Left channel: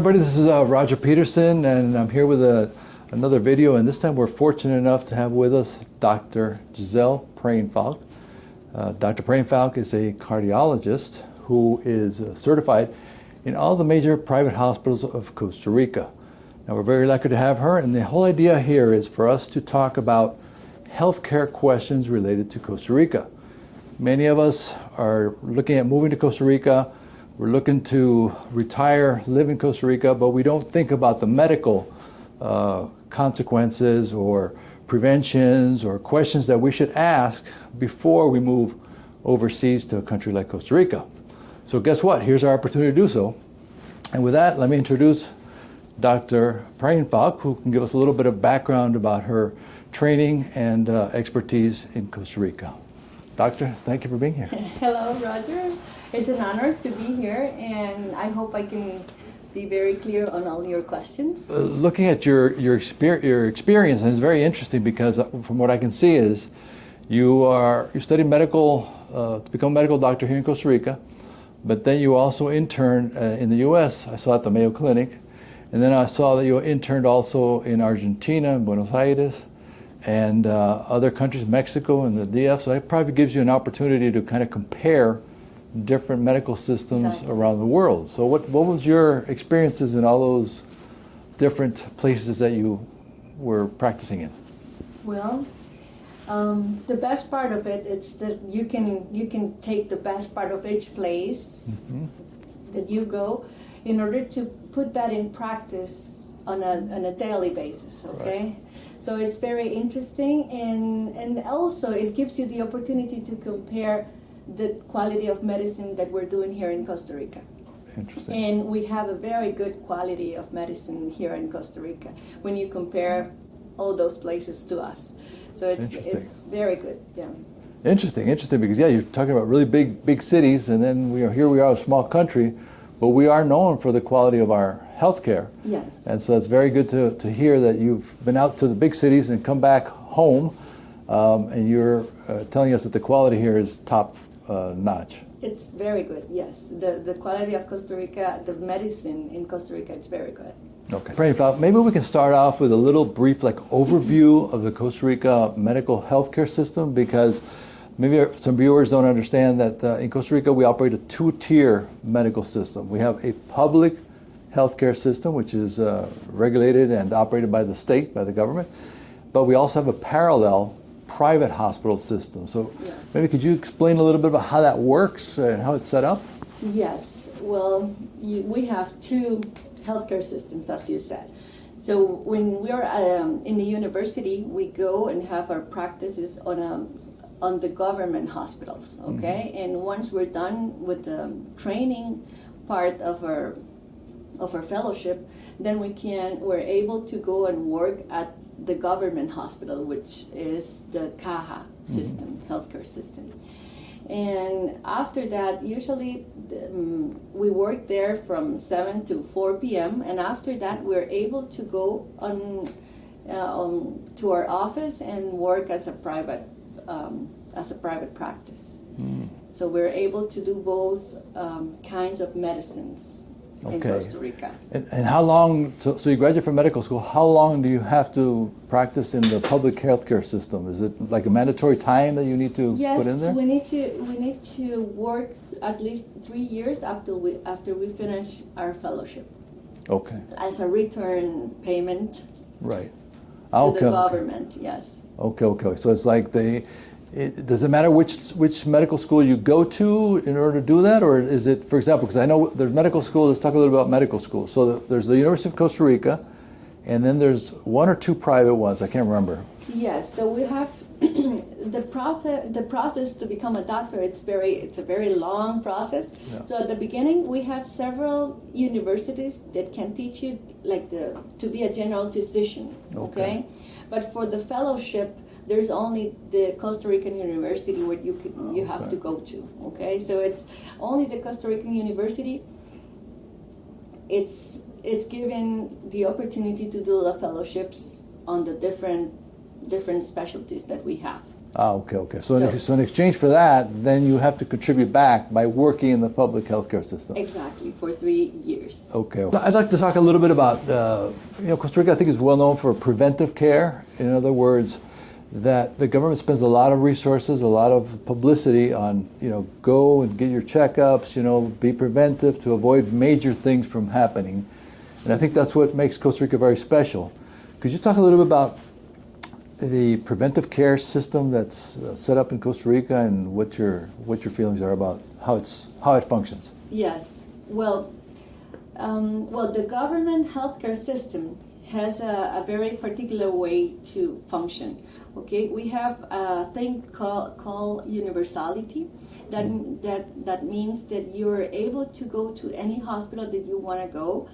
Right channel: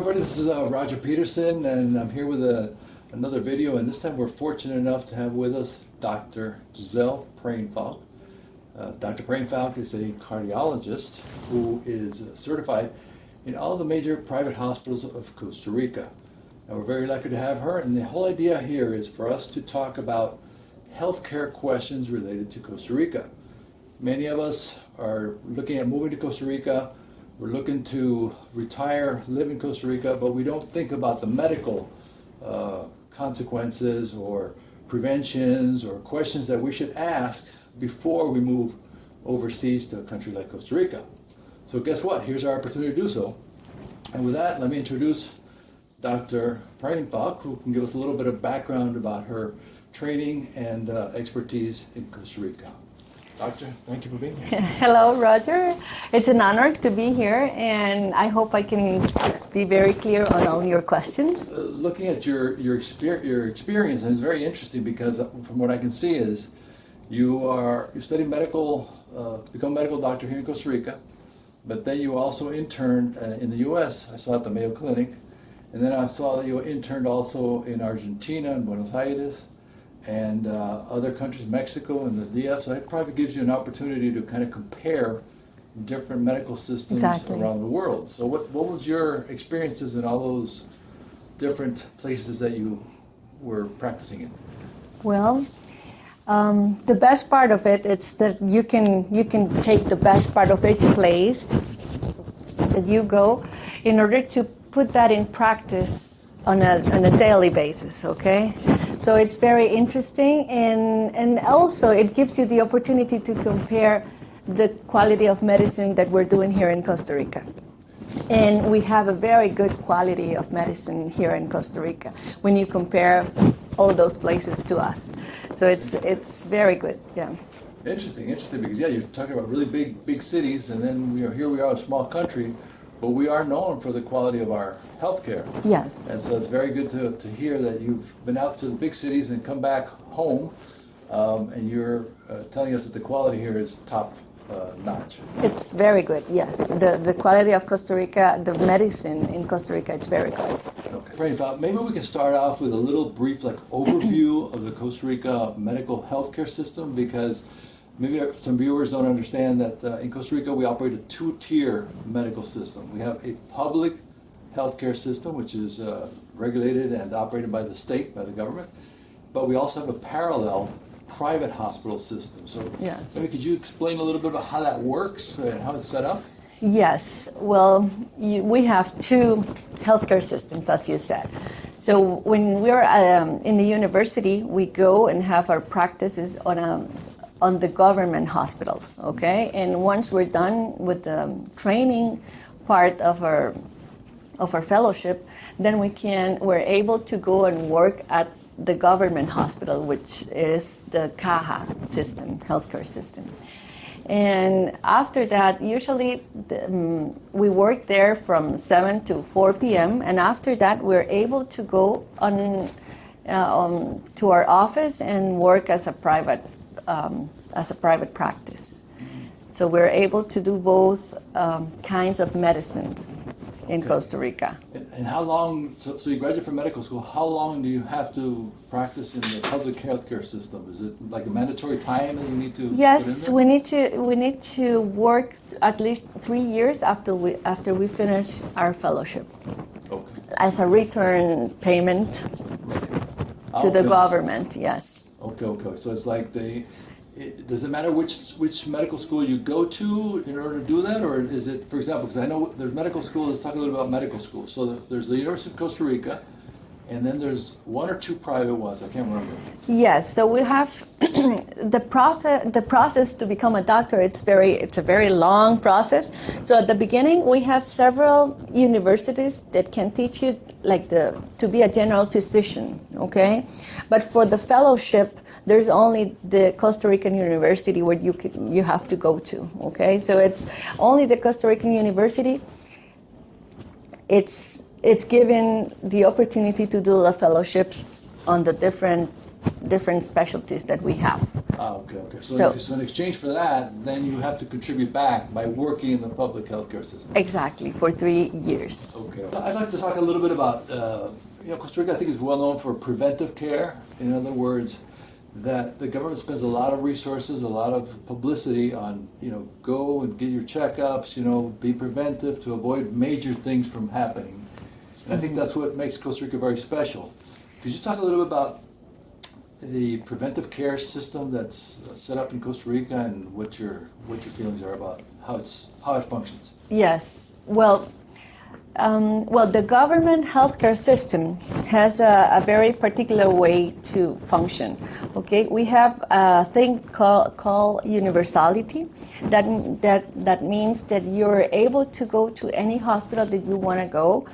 Everybody, this is Roger Peterson, and I'm here with another video, and this time we're fortunate enough to have with us Dr. Giselle Preinfalk. Dr. Preinfalk is a cardiologist who is certified in all the major private hospitals of Costa Rica. Now, we're very lucky to have her, and the whole idea here is for us to talk about healthcare questions related to Costa Rica. Many of us are looking at moving to Costa Rica. We're looking to retire, live in Costa Rica, but we don't think about the medical consequences or preventions or questions that we should ask before we move overseas to a country like Costa Rica. So guess what? Here's our opportunity to do so. And with that, let me introduce Dr. Preinfalk, who can give us a little bit of background about her training and expertise in Costa Rica. Doctor, thank you for being here. Hello, Roger. It's an honor to be here, and I hope I can be very clear on all your questions. Looking at your experience, and it's very interesting because from what I can see is you studied medical to become a medical doctor here in Costa Rica, but then you also interned in the U.S. I saw at the Mayo Clinic, and then I saw that you interned also in Argentina, in Buenos Aires, and other countries, Mexico and the DF. So that probably gives you an opportunity to kind of compare different medical systems around the world. So what was your experiences in all those different places that you were practicing in? Well, the best part of it is that you can take the best part of each place that you go in order to put that in practice on a daily basis, okay? So it's very interesting, and also it gives you the opportunity to compare the quality of medicine that we're doing here in Costa Rica. And we have a very good quality of medicine here in Costa Rica when you compare all those places to us. So it's very good, yeah. Interesting, because yeah, you're talking about really big cities, and then here we are, a small country, but we are known for the quality of our healthcare. Yes. And so it's very good to hear that you've been out to the big cities and come back home, and you're telling us that the quality here is top notch. It's very good, yes. The quality of Costa Rica, the medicine in Costa Rica, it's very good. Okay. Preinfalk, maybe we can start off with a little brief overview of the Costa Rica medical healthcare system, because maybe some viewers don't understand that in Costa Rica we operate a two-tier medical system. We have a public healthcare system, which is regulated and operated by the state, by the government, but we also have a parallel private hospital system. So yes. Maybe could you explain a little bit about how that works and how it's set up? Yes, well, we have two healthcare systems, as you said. So when we're in the university, we go and have our practices on the government hospitals, okay? Mm-hmm. And once we're done with the training part of our fellowship, then we're able to go and work at the government hospital, which is the Caja system, healthcare system. And after that, usually we work there from 7 to 4 p.m. And after that, we're able to go to our office and work as a private practice. Mm-hmm. So we're able to do both kinds of medicines in Costa Rica. And how long, so you graduate from medical school, how long do you have to practice in the public healthcare system? Is it like a mandatory time that you need to put in there? Yes, we need to work at least 3 years after we finish our fellowship. Okay. As a return payment to the government, yes. Okay. So it's like does it matter which medical school you go to in order to do that, or is it, for example, because I know there's medical school, let's talk a little about medical school. So there's the University of Costa Rica, and then there's one or two private ones, I can't remember. Yes, so we have the process to become a doctor, it's a very long process. Yeah. So at the beginning, we have several universities that can teach you to be a general physician, okay? But for the fellowship, there's only the Costa Rican University where you have to go to, okay? So it's only the Costa Rican University. It's given the opportunity to do the fellowships on the different different specialties that we have. Okay. So in exchange for that, then you have to contribute back by working in the public healthcare system. Exactly, for 3 years. Okay. I'd like to talk a little bit about, Costa Rica, I think, is well known for preventive care. In other words, that the government spends a lot of resources, a lot of publicity on, go and get your checkups, be preventive to avoid major things from happening. And I think that's what makes Costa Rica very special. Could you talk a little bit about the preventive care system that's set up in Costa Rica and what your feelings are about how it functions? Yes. Well, the government healthcare system has a very particular way to function. Okay, we have a thing called universality. That means that you're able to go to any hospital that you want to go.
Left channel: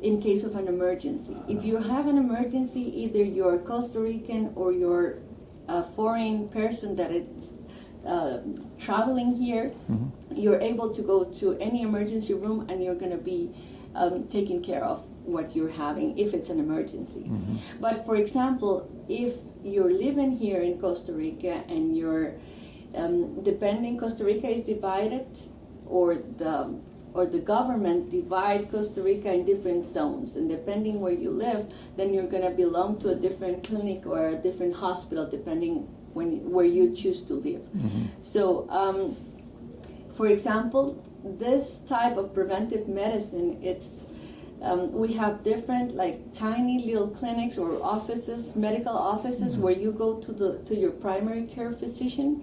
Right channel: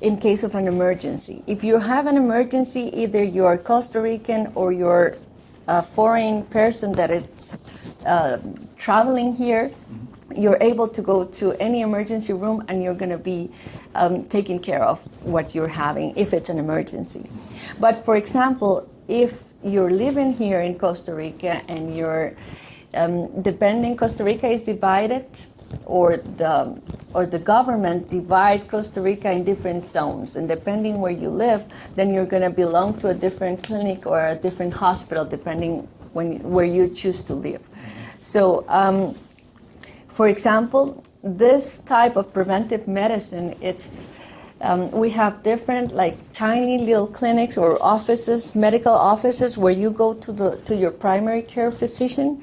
In case of an emergency. If you have an emergency, either you're Costa Rican or you're a foreign person that is traveling here, you're able to go to any emergency room and you're going to be taking care of what you're having if it's an emergency. But for example, if you're living here in Costa Rica and you're depending, Costa Rica is divided, or the government divide Costa Rica in different zones, and depending where you live, then you're going to belong to a different clinic or a different hospital, depending where you choose to live. So, for example, this type of preventive medicine, we have different, like, tiny little clinics or offices, medical offices, where you go to your primary care physician,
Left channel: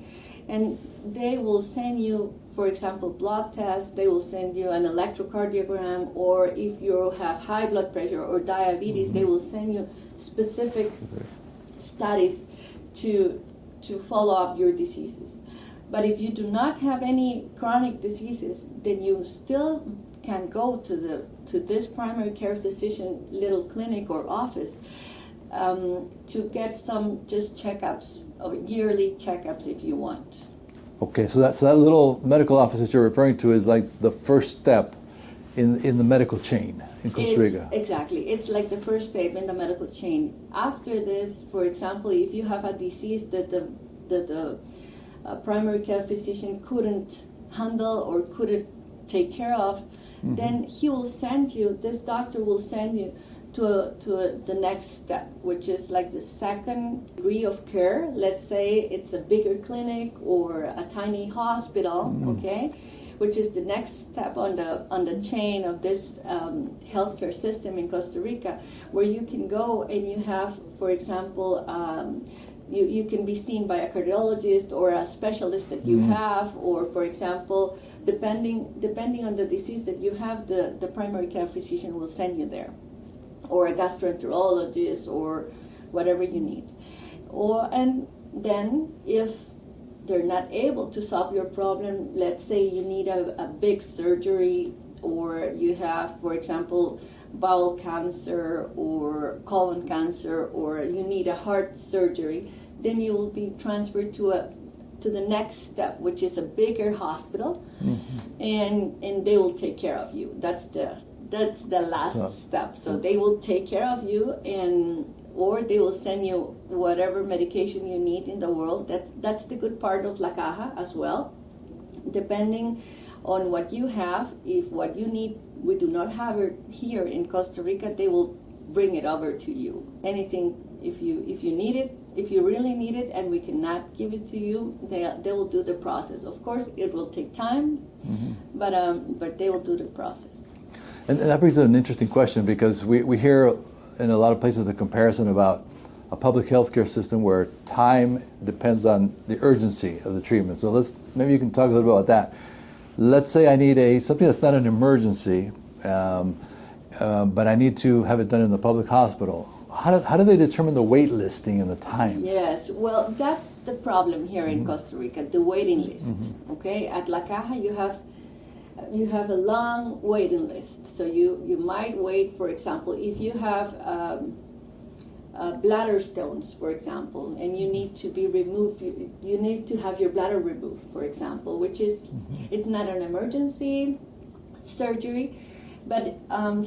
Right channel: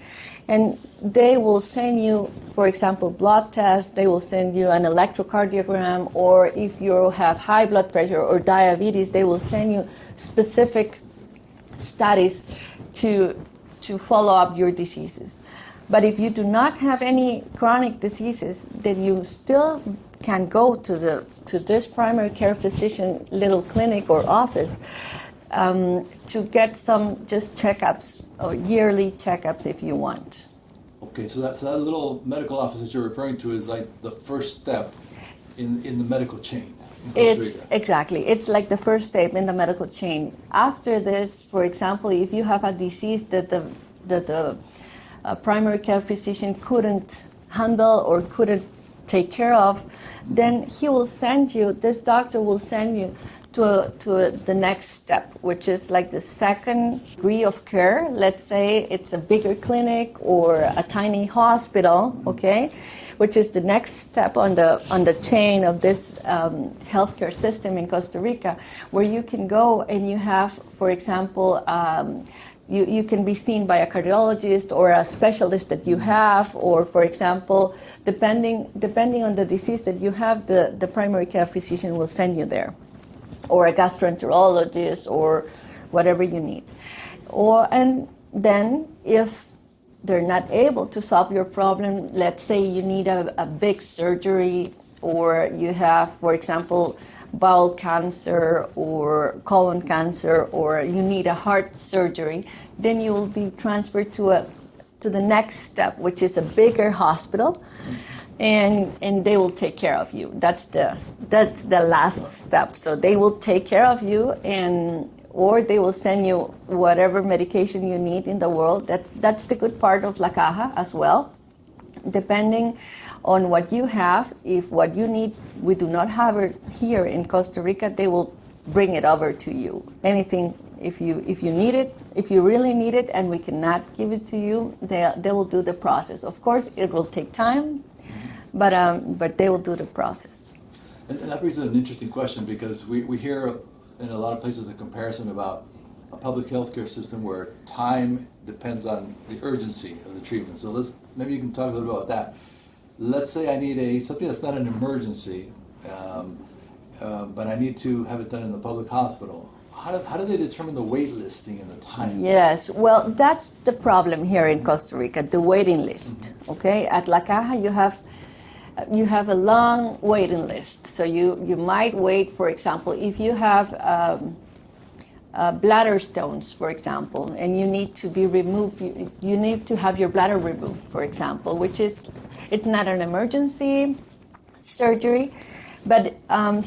and they will send you, for example, blood tests. They will send you an electrocardiogram, or if you have high blood pressure or diabetes, they will send you specific studies to follow up your diseases. But if you do not have any chronic diseases, then you still can go to this primary care physician little clinic or office to get some just checkups or yearly checkups if you want. Okay, so that little medical office that you're referring to is like the first step in the medical chain in Costa Rica. Exactly. It's like the first step in the medical chain. After this, for example, if you have a disease that the primary care physician couldn't handle or couldn't take care of, then this doctor will send you to the next step, which is like the second degree of care. Let's say it's a bigger clinic or a tiny hospital, okay, which is the next step on the chain of this healthcare system in Costa Rica, where you can go and you have, for example, you can be seen by a cardiologist or a specialist that you have, or, for example, depending on the disease that you have, the primary care physician will send you there, or a gastroenterologist, or whatever you need. And then if they're not able to solve your problem, let's say you need a big surgery, or you have, for example, bowel cancer or colon cancer, or you need a heart surgery, then you will be transferred to the next step, which is a bigger hospital, and they will take care of you. That's the last step. So they will take care of you, or they will send you whatever medication you need in the world. That's the good part of La Caja as well. Depending on what you have, if what you need we do not have it here in Costa Rica, they will bring it over to you. Anything, if you need it, if you really need it, and we cannot give it to you, they will do the process. Of course, it will take time, but they will do the process. And that brings up an interesting question, because we hear in a lot of places a comparison about a public healthcare system where time depends on the urgency of the treatment. So maybe you can talk a little bit about that. Let's say I need something that's not an emergency, but I need to have it done in the public hospital. How do they determine the wait listing and the time? Yes, well, that's the problem here in Costa Rica, the waiting list. Okay, at La Caja you have a long waiting list. So you might wait, for example, if you have bladder stones, for example, and you need to be removed, you need to have your bladder removed, for example, which is, it's not an emergency surgery, but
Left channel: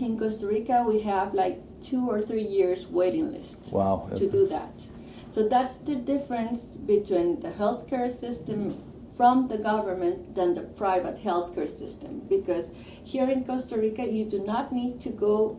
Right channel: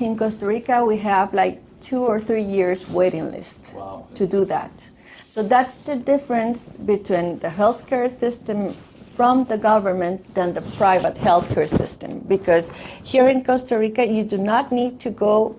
in Costa Rica we have like 2 or 3 years waiting list Wow. to do that. So that's the difference between the healthcare system from the government than the private healthcare system. Because here in Costa Rica, you do not need to go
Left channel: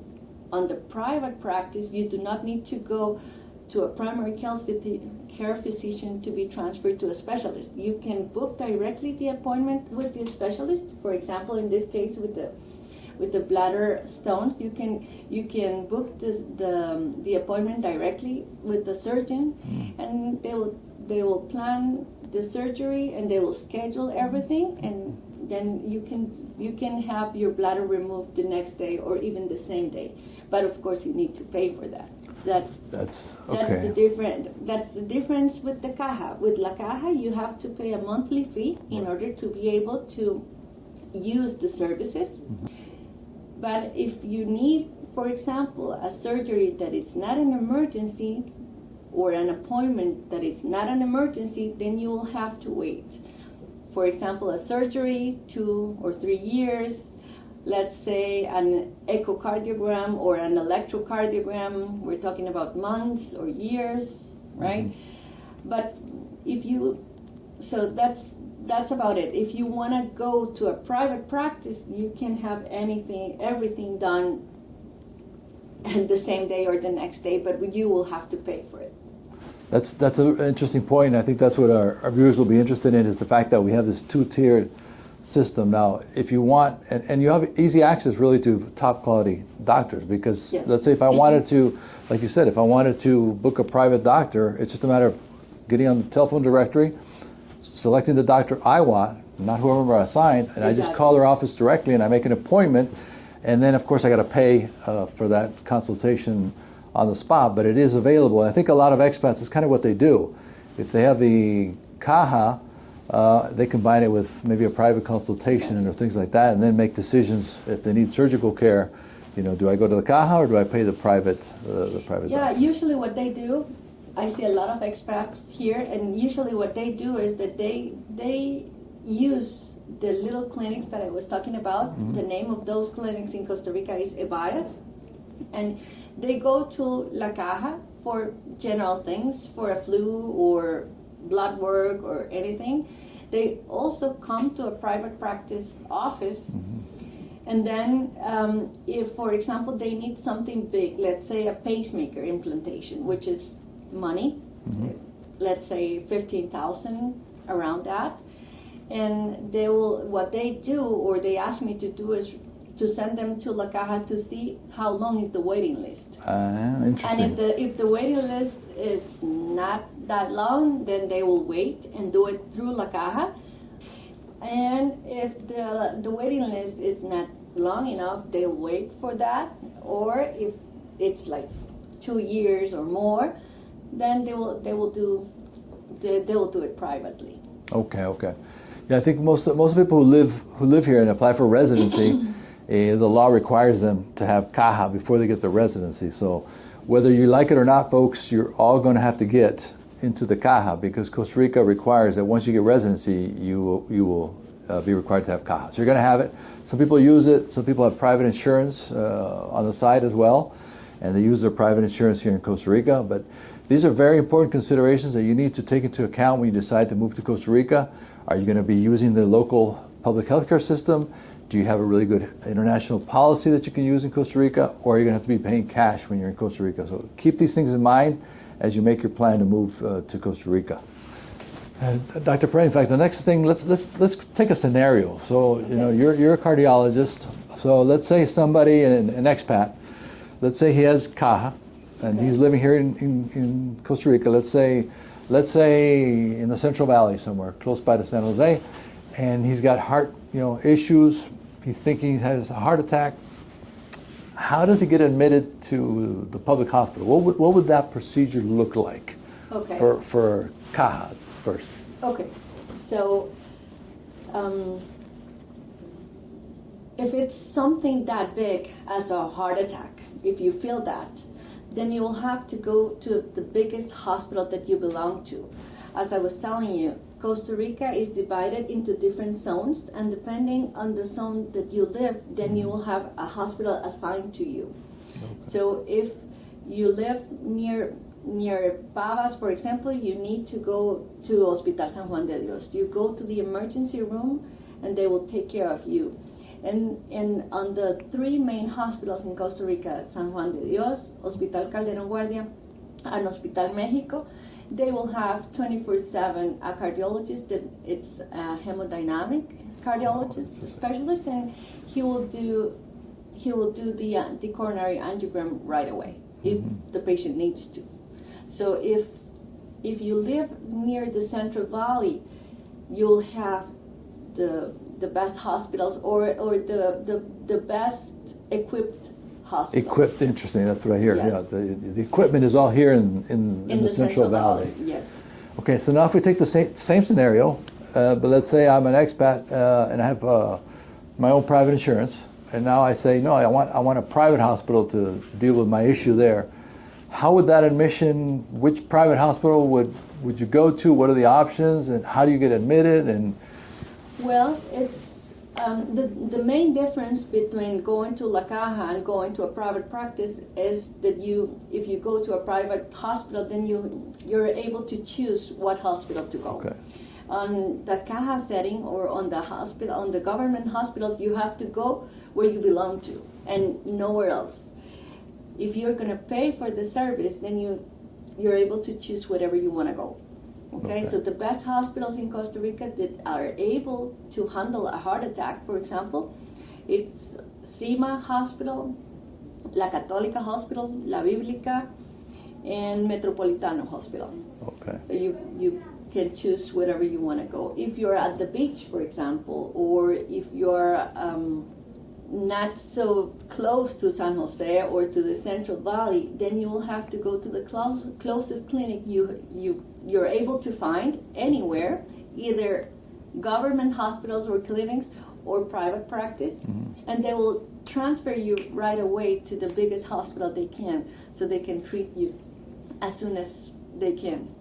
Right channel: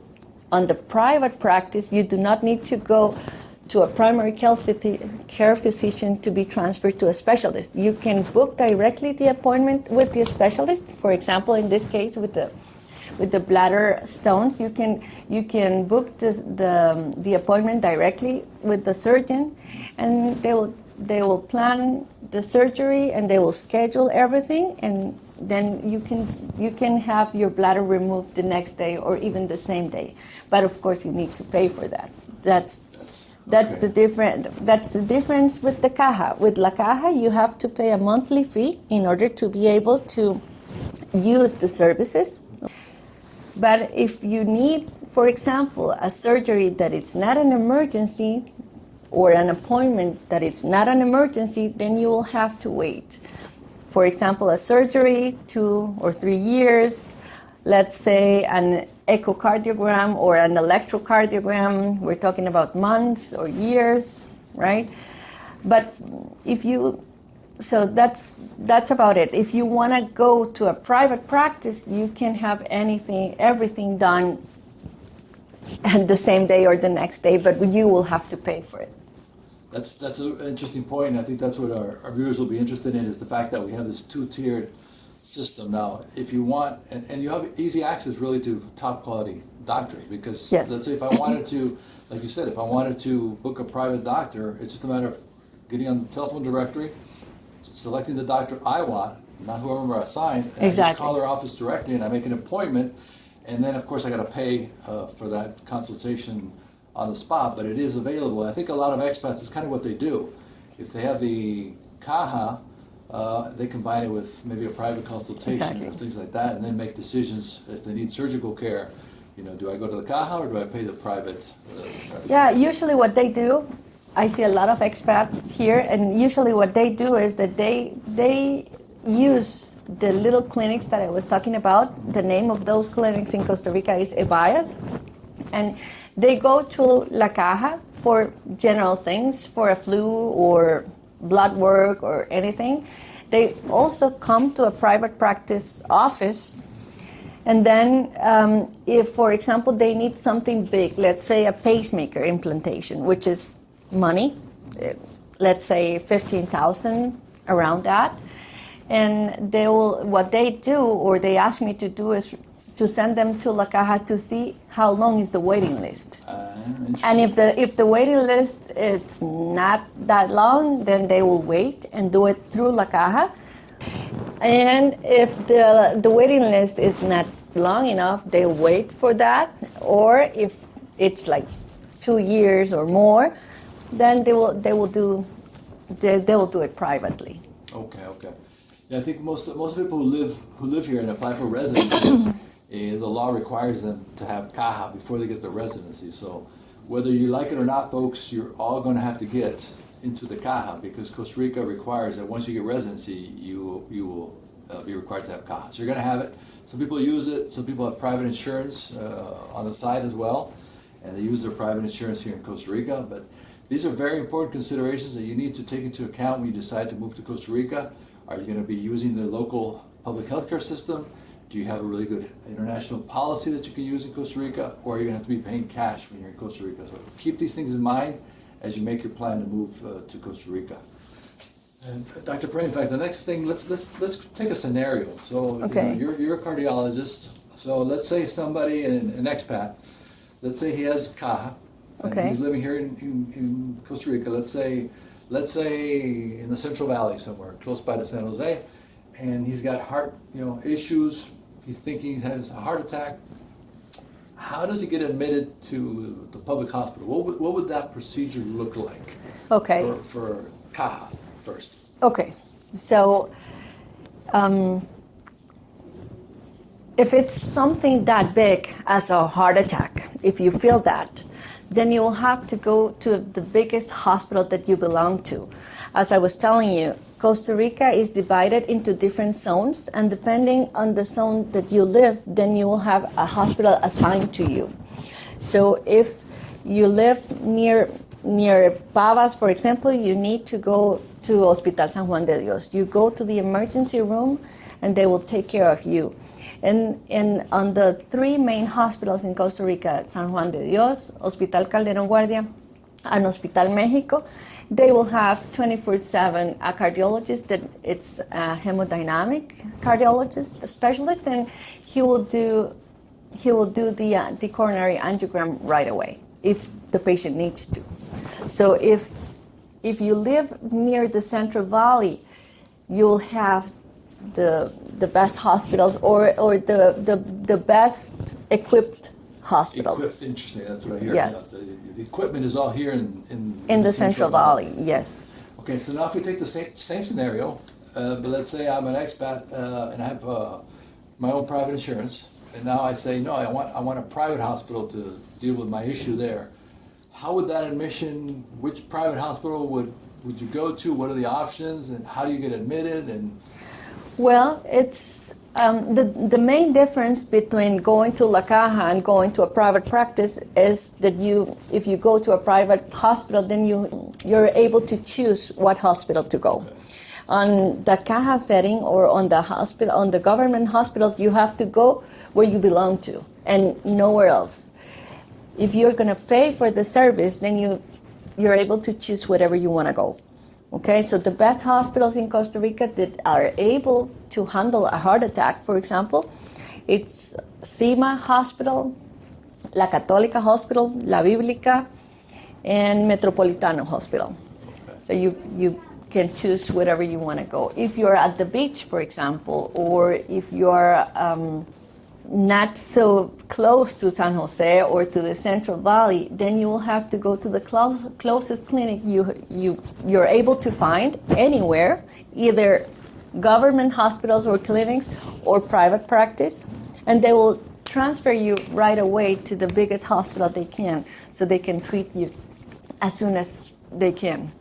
on the private practice, you do not need to go to a primary care physician to be transferred to a specialist. You can book directly the appointment with the specialist. For example, in this case, with the bladder stones, you can book the appointment directly with the surgeon, and they will plan the surgery and they will schedule everything, and then you can have your bladder removed the next day or even the same day. But of course, you need to pay for that. That's okay. That's the difference with the caja. With la caja, you have to pay a monthly fee in order to be able to use the services. But if you need, for example, a surgery that it's not an emergency, or an appointment that it's not an emergency, then you will have to wait. For example, a surgery, 2 or 3 years, let's say an echocardiogram or an electrocardiogram, we're talking about months or years, right? But so that's about it. If you want to go to a private practice, you can have everything done the same day or the next day, but you will have to pay for it. That's an interesting point. I think that's what our viewers will be interested in, is the fact that we have this 2-tiered system now. If you want, and you have easy access really to top quality doctors, because yes. Let's say if I wanted to, like you said, if I wanted to book a private doctor, it's just a matter of getting on the telephone directory, selecting the doctor I want, not whoever I assigned, and exactly. I just call their office directly and I make an appointment, and then of course I got to pay for that consultation on the spot, but it is available. I think a lot of expats, it's kind of what they do. If they have the caja, they combine it with maybe a private consultation exactly. or things like that, and then make decisions if they need surgical care. Do I go to the caja or do I pay the private? Yeah, usually what they do, I see a lot of expats here, and usually what they do is that they use the little clinics that I was talking about. Mm-hmm. The name of those clinics in Costa Rica is Ebayas, and they go to La Caja for general things, for a flu or blood work or anything. They also come to a private practice office. Mm-hmm. And then if, for example, they need something big, let's say a pacemaker implantation, which is money, mm-hmm. Let's say 15,000, around that. And what they do, or they ask me to do, is to send them to La Caja to see how long is the waiting list. And if the waiting list is not that long, then they will wait and do it through La Caja. And if the waiting list is not long enough, they'll wait for that. Or if it's like 2 years or more, then they will do it privately. Okay. Yeah, I think most people who live here and apply for residency, the law requires them to have caja before they get their residency. So whether you like it or not, folks, you're all going to have to get into the caja, because Costa Rica requires that once you get residency, you will be required to have caja. So you're going to have it. Some people use it. Some people have private insurance on the side as well, and they use their private insurance here in Costa Rica. But these are very important considerations that you need to take into account when you decide to move to Costa Rica. Are you going to be using the local public healthcare system? Do you have a really good international policy that you can use in Costa Rica? Or are you going to have to be paying cash when you're in Costa Rica? So keep these things in mind as you make your plan to move to Costa Rica. Dr. Preinfalk, the next thing, let's take a scenario. So okay. You're a cardiologist. So let's say somebody, an expat, let's say he has caja, and okay. he's living here in Costa Rica. Let's say in the Central Valley somewhere, close by to San Jose, and he's got heart issues. He's thinking he has a heart attack. How does he get admitted to the public hospital? What would that procedure look like? Okay. For caja first. Okay, so if it's something that big as a heart attack, if you feel that, then you will have to go to the biggest hospital that you belong to. As I was telling you, Costa Rica is divided into different zones, and depending on the zone that you live, then you will have a hospital assigned to you. So if you live near Pavas, for example, you need to go to Hospital San Juan de Dios. You go to the emergency room and they will take care of you. And on the three main hospitals in Costa Rica, San Juan de Dios, Hospital Calderón Guardia, and Hospital Mexico, they will have 24/7 a cardiologist that it's a hemodynamic cardiologist, a specialist, and he will do the coronary angiogram right away if the patient needs to. So if you live near the Central Valley, you'll have the best hospitals or the best equipped hospitals. Equipped, interesting. That's what I hear. Yes. Yeah, the equipment is all here in the Central Valley. Yes. Okay, so now if we take the same scenario, but let's say I'm an expat and I have my own private insurance, and now I say no, I want a private hospital to deal with my issue there. How would that admission? Which private hospital would you go to? What are the options, and how do you get admitted? And well, it's the main difference between going to La Caja and going to a private practice is that if you go to a private hospital, then you're able to choose what hospital to go. Okay. On the Caja setting or on the government hospitals, you have to go where you belong to and nowhere else. If you're going to pay for the service, then you're able to choose wherever you want to go. Okay, so the best hospitals in Costa Rica that are able to handle a heart attack, for example, it's CIMA Hospital, La Católica Hospital, La Bíblica, and Metropolitano Hospital. okay. So you can choose wherever you want to go. If you're at the beach, for example, or if you're not so close to San Jose or to the Central Valley, then you will have to go to the closest clinic you're able to find anywhere, either government hospitals or clinics or private practice, and they will transfer you right away to the biggest hospital they can, so they can treat you as soon as they can.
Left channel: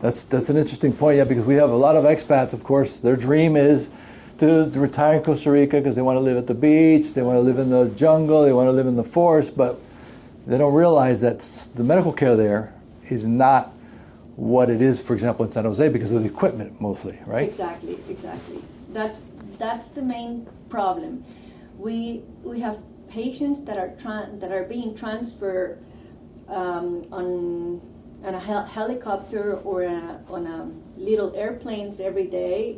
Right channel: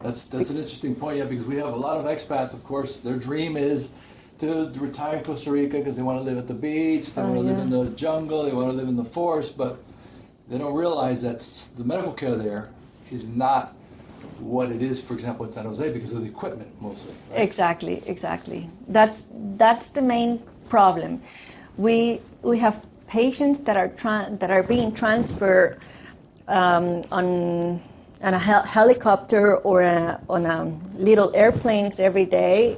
That's an interesting point, yeah, because we have a lot of expats, of course, their dream is to retire in Costa Rica because they want to live at the beach, they want to live in the jungle, they want to live in the forest, but they don't realize that the medical care there is not what it is, for example, in San Jose because of the equipment mostly, right? Exactly. That's the main problem. We have patients that are being transferred on a helicopter or on a little airplanes every day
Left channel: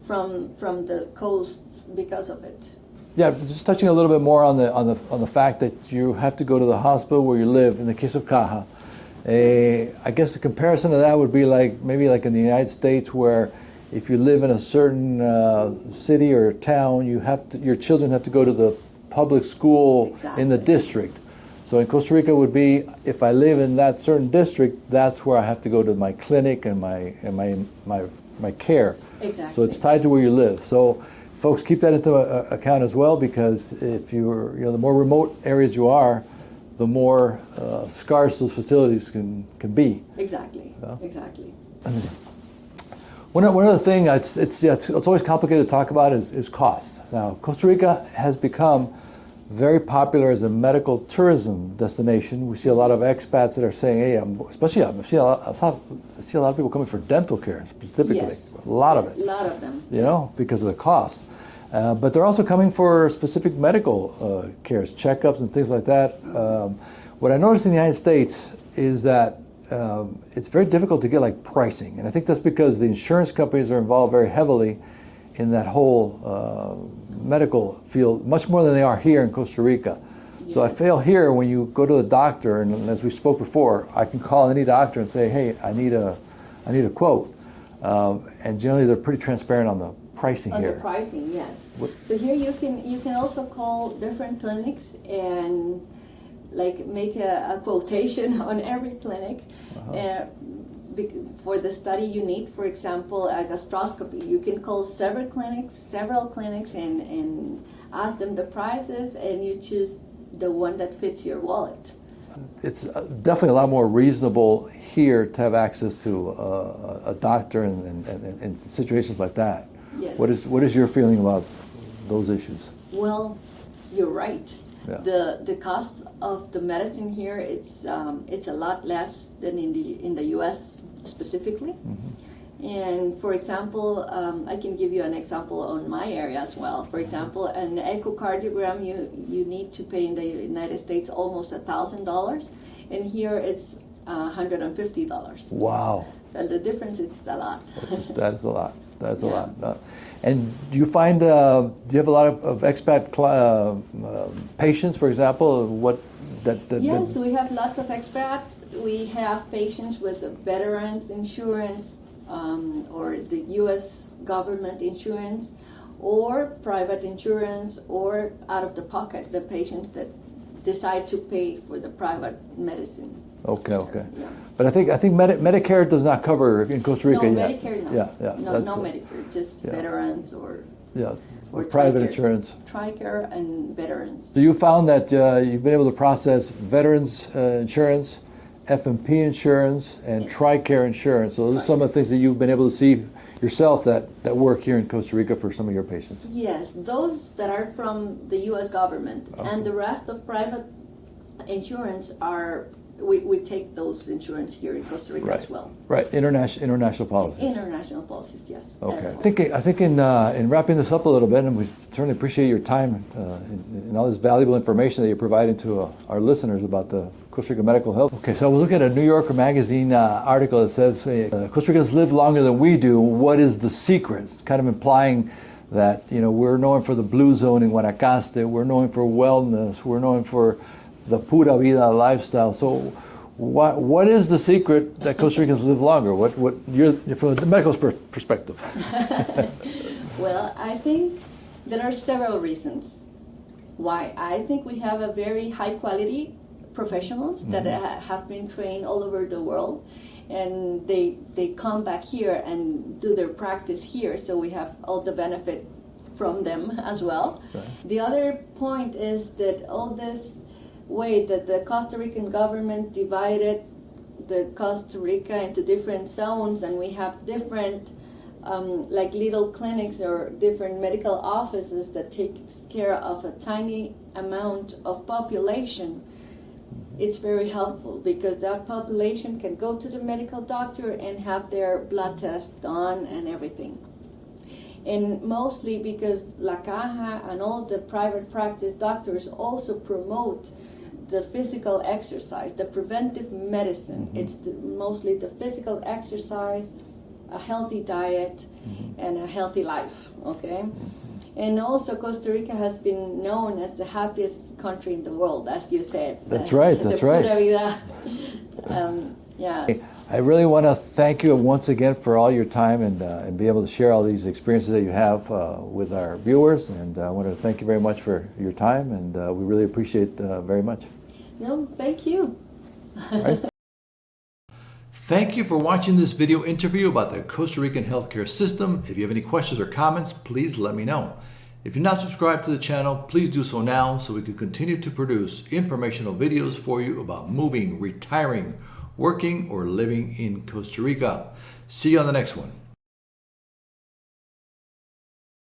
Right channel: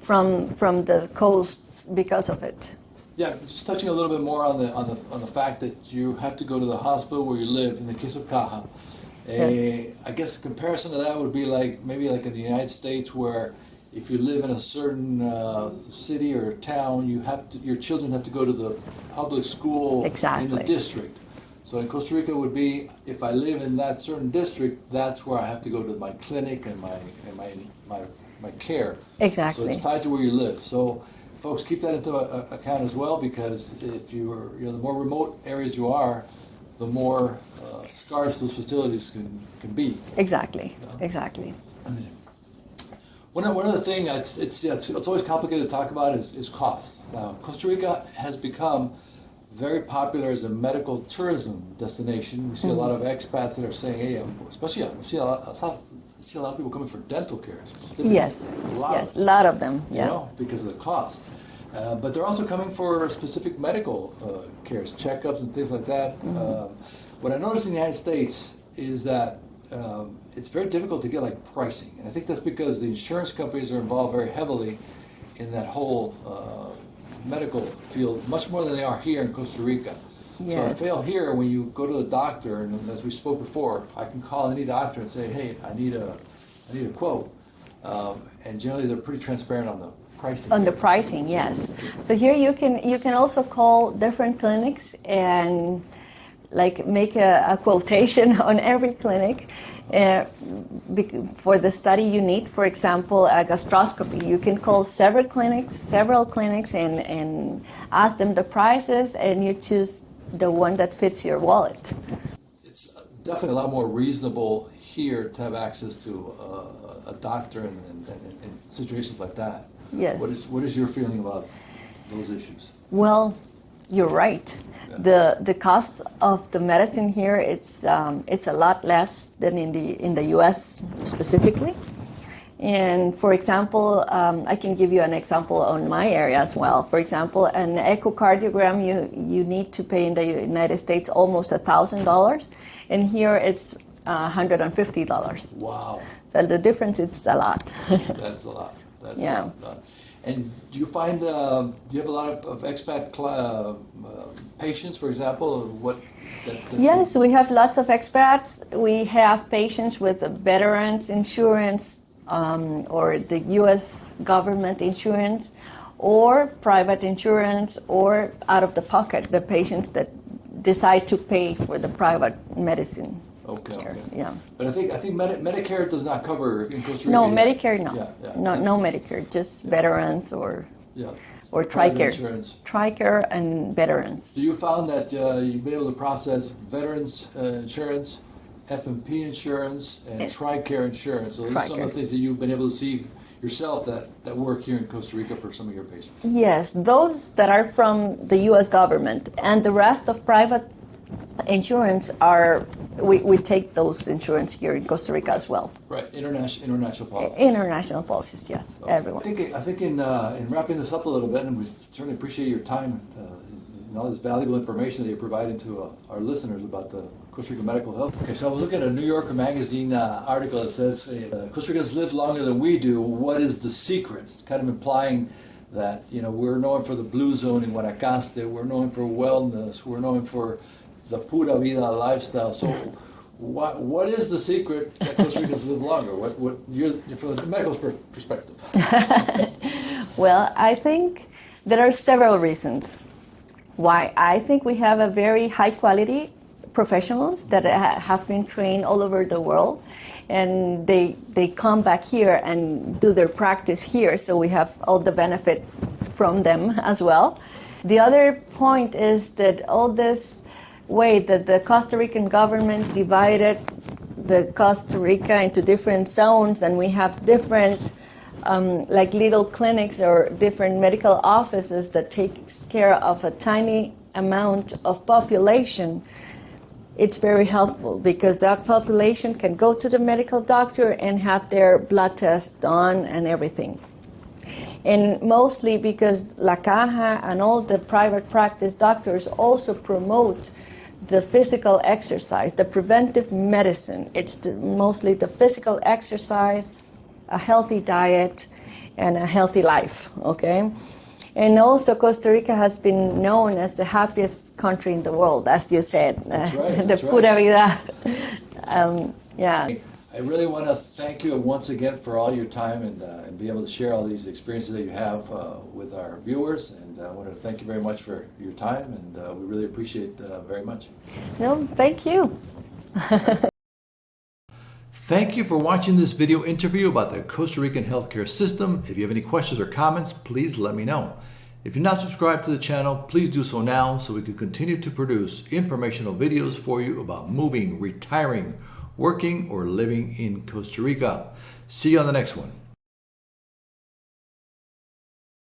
from the coasts because of it. Yeah, just touching a little bit more on the fact that you have to go to the hospital where you live. In the case of Caja, Yes. I guess the comparison to that would be maybe like in the United States, where if you live in a certain city or town, your children have to go to the public school Exactly. in the district. So in Costa Rica would be, if I live in that certain district, that's where I have to go to my clinic and my care. Exactly. So it's tied to where you live. So folks, keep that into account as well, because if the more remote areas you are, the more scarce those facilities can be. Exactly. Yeah. Exactly. One other thing, it's always complicated to talk about is cost. Now, Costa Rica has become very popular as a medical tourism destination. We see a lot of expats that are saying, "Hey, I see a lot of people coming for dental care specifically. Yes. A lot yes, of it. a lot of them. You know, because of the cost. But they're also coming for specific medical cares, checkups and things like that. What I noticed in the United States is that it's very difficult to get pricing, and I think that's because the insurance companies are involved very heavily in that whole medical field, much more than they are here in Costa Rica. Yes. So I feel here when you go to the doctor, and as we spoke before, I can call any doctor and say, "Hey, I need a quote," and generally they're pretty transparent on the pricing. On here. the pricing, yes. So here you can also call different clinics and make a quotation on every clinic for the study you need. For example, a gastroscopy. You can call several clinics and ask them the prices, and you choose the one that fits your wallet. It's definitely a lot more reasonable here to have access to a doctor and situations like that. Yes. What is your feeling about those issues? Well, you're right. The cost of the medicine here, it's a lot less than in the U.S. specifically. And for example, I can give you an example on my area as well. For example, an echocardiogram you need to pay in the United States almost $1,000, and here it's $150. Wow. So the difference is a lot. That's a lot. That's Yeah. a lot. And do you find, do you have a lot of expat patients, for example? Yes, we have lots of expats. We have patients with veterans insurance, or the U.S. government insurance, or private insurance, or out of the pocket, the patients that decide to pay for the private medicine. Okay, okay. Yeah. But I think Medicare does not cover in Costa Rica. No, yet. Medicare, no. Yeah, No Medicare, just veterans or private TRICARE. insurance. TRICARE and veterans. So you found that you've been able to process veterans insurance, F&P insurance, and TRICARE insurance. So those are some of the things that you've been able to see yourself that work here in Costa Rica for some of your patients. Yes, those that are from the U.S. government, and the rest of private insurance are, we take those insurance here in Costa Rica as well. Right, international policies. International policies, yes, Okay. everyone. I think in wrapping this up a little bit, and we certainly appreciate your time and all this valuable information that you're providing to our listeners about the Costa Rica medical health. Okay, so I was looking at a New Yorker magazine article that says Costa Ricans live longer than we do. What is the secret? It's kind of implying that we're known for the blue zone in Guanacaste. We're known for wellness. We're known for the pura vida lifestyle. So, what is the secret that Costa Ricans live longer? What you're from the medical perspective? Well, I think there are several reasons why. I think we have a very high quality professionals that have been trained all over the world, and they come back here and do their practice here, so we have all the benefit from them as well. Right. The other point is that all this way that the Costa Rican government divided the Costa Rica into different zones, and we have different like little clinics or different medical offices that takes care of a tiny amount of population. It's very helpful because that population can go to the medical doctor and have their blood test done and everything. And mostly because La Caja and all the private practice doctors also promote the physical exercise, the preventive medicine. It's mostly the physical exercise, a healthy diet, and a healthy life, okay? And also Costa Rica has been known as the happiest country in the world, as you said. That's right, that's right. Pura vida. Yeah. I really want to thank you once again for all your time and be able to share all these experiences that you have with our viewers. And I want to thank you very much for your time, and we really appreciate it very much. No, thank you. Thank you for watching this video interview about the Costa Rican healthcare system. If you have any questions or comments, please let me know. If you're not subscribed to the channel, please do so now so we can continue to produce informational videos for you about moving, retiring, working, or living in Costa Rica. See you on the next one.